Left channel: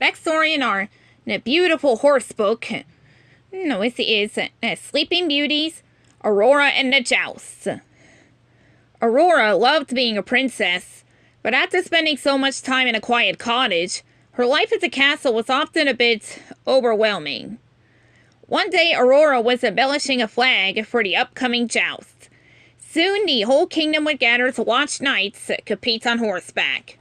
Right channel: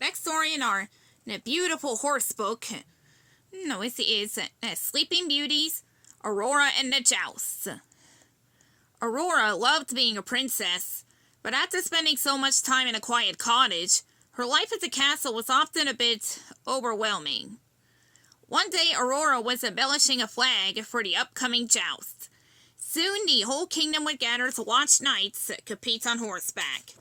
Next story in our beautiful horse book. No, it is Sleeping Beauties, Aurora and the Joust. Aurora loved being a princess, but after spending so much time in a quiet cottage, her life at the castle was often a bit overwhelming. One day, Aurora was embellishing a flag for the upcoming joust. Soon, the whole kingdom would gather to watch knights compete on horseback.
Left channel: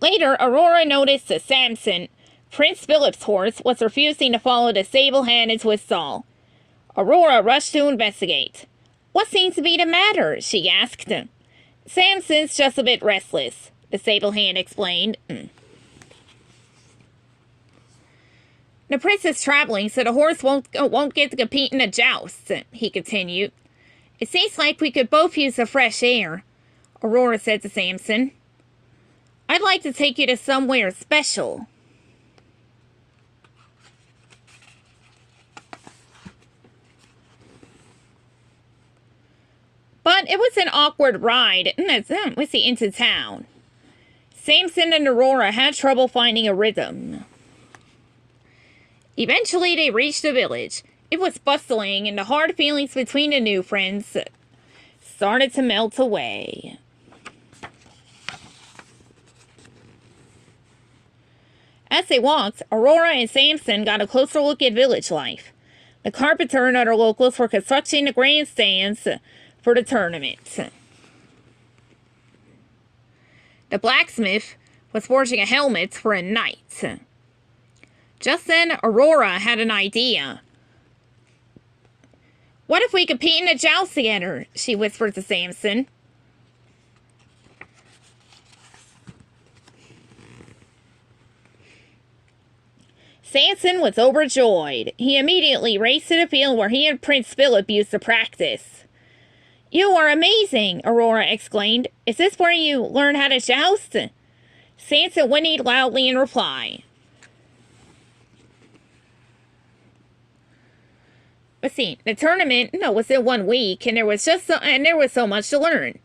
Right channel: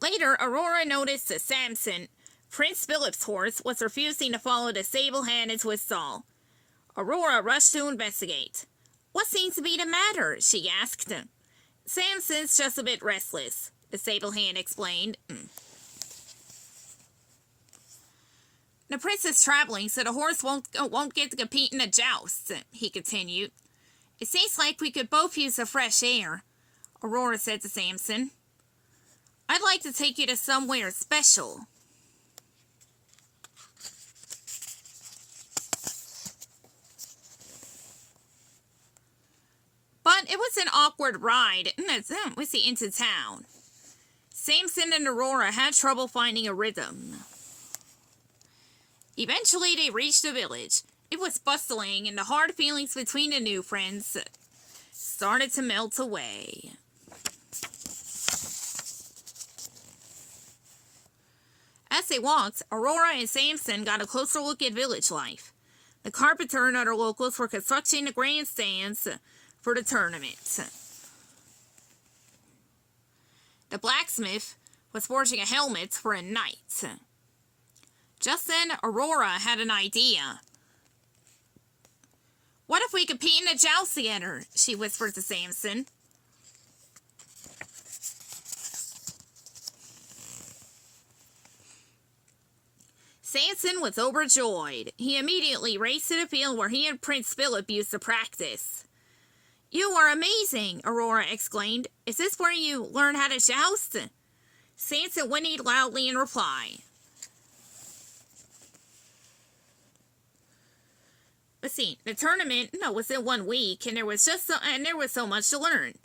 Later, Aurora noticed that Samson, Prince Philip's horse, was refusing to follow the sable hand into his stall. Aurora rushed to investigate. "What seems to be the matter?" she asked. "Samson's just a bit restless," the sable hand explained. "The prince is traveling, so the horse won't get to compete in the joust," he continued. "It seems like we could both use the fresh air," Aurora said to Samson. "I'd like to take you to somewhere special." But it was an awkward ride into town. Samson and Aurora had trouble finding a rhythm. Eventually they reached the village. It was bustling, and the hard feelings between the new friends started to melt away. As they walked, Aurora and Samson got a closer look at village life. The carpenter and other locals were constructing the grandstands for the tournament. The blacksmith was forging a helmet for a knight. Just then, Aurora had an idea. "What if we compete in a joust together?" she whispered to Samson. Samson was overjoyed. He immediately raced to the field where he and Prince Philip used to practice. "You are amazing!" Aurora exclaimed. "Is this where you learn how to joust?" Samson whinnied loudly in reply. Let's see. The tournament was in 1 week, and there was so much to learn.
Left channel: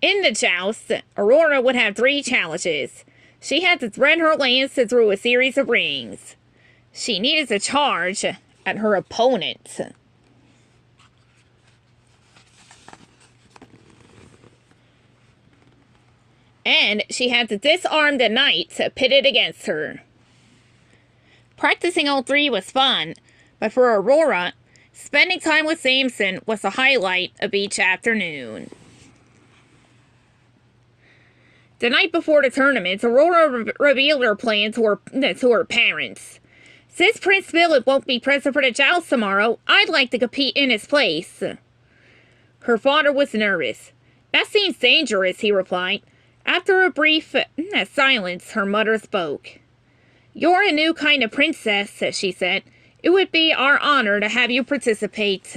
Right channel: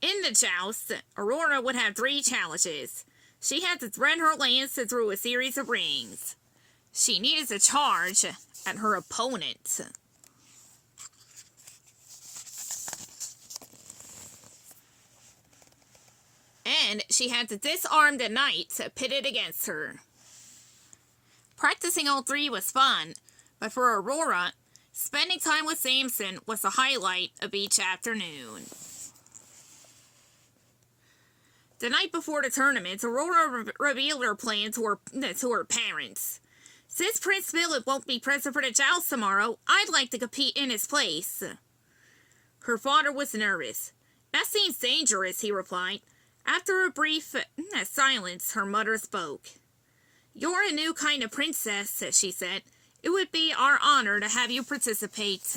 In the joust, Aurora would have 3 challenges. She had to thread her lance through a series of rings. She needed to charge at her opponent. And she had to disarm the knight pitted against her. Practicing all 3 was fun, but for Aurora, spending time with Samson was the highlight of each afternoon. The night before the tournament, Aurora revealed her plan to her parents. "Since Prince Philip won't be present for the joust tomorrow, I'd like to compete in his place." Her father was nervous. "That seems dangerous," he replied. After a brief silence, her mother spoke. "You're a new kind of princess," she said. "It would be our honor to have you participate."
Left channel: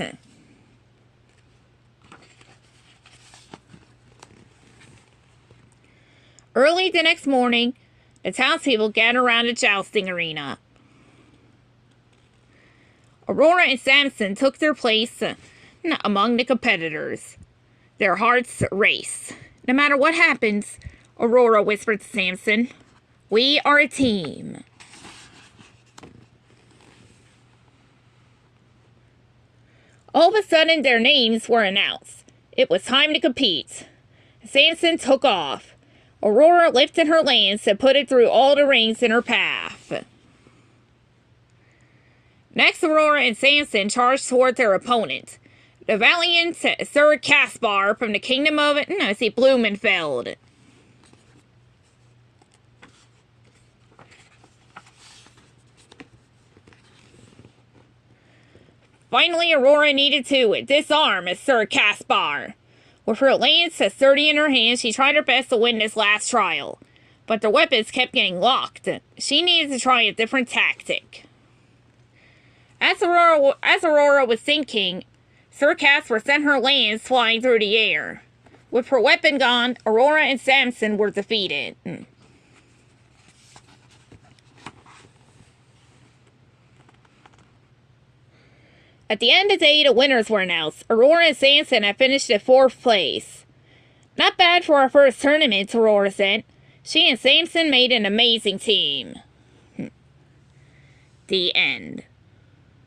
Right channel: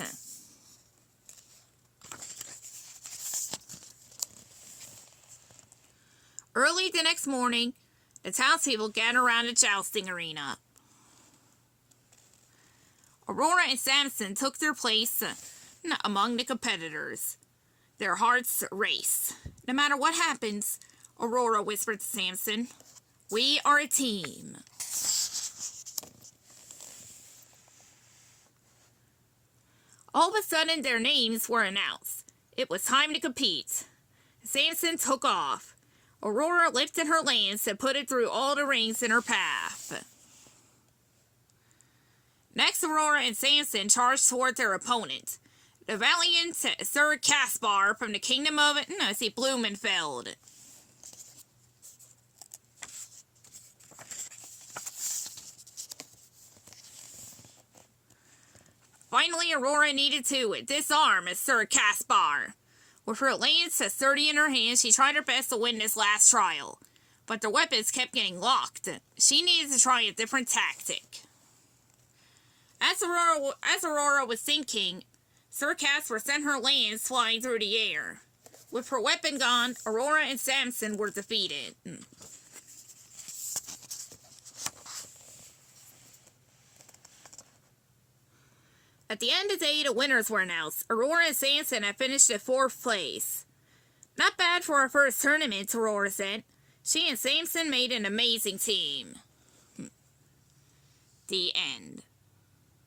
Early the next morning, the townspeople gathered around the jousting arena. Aurora and Samson took their place among the competitors. Their hearts raced. "No matter what happens," Aurora whispered to Samson, "we are a team." All of a sudden, their names were announced. It was time to compete. Samson took off. Aurora lifted her lance and put it through all the rings in her path. Next, Aurora and Samson charged toward their opponent, the valiant Sir Caspar from the kingdom of Blumenfeld. Finally, Aurora needed to disarm Sir Caspar. With her lance sturdy in her hand, she tried her best to win this last trial, but the weapons kept getting locked. She needed to try a different tactic. As Aurora was thinking, Sir Caspar sent her lance flying through the air. With her weapon gone, Aurora and Samson were defeated. At the end of the day, the winners were announced. Aurora and Samson had finished in 4th place. Not bad for our first tournament, Aurora said. She and Samson made an amazing team. The end.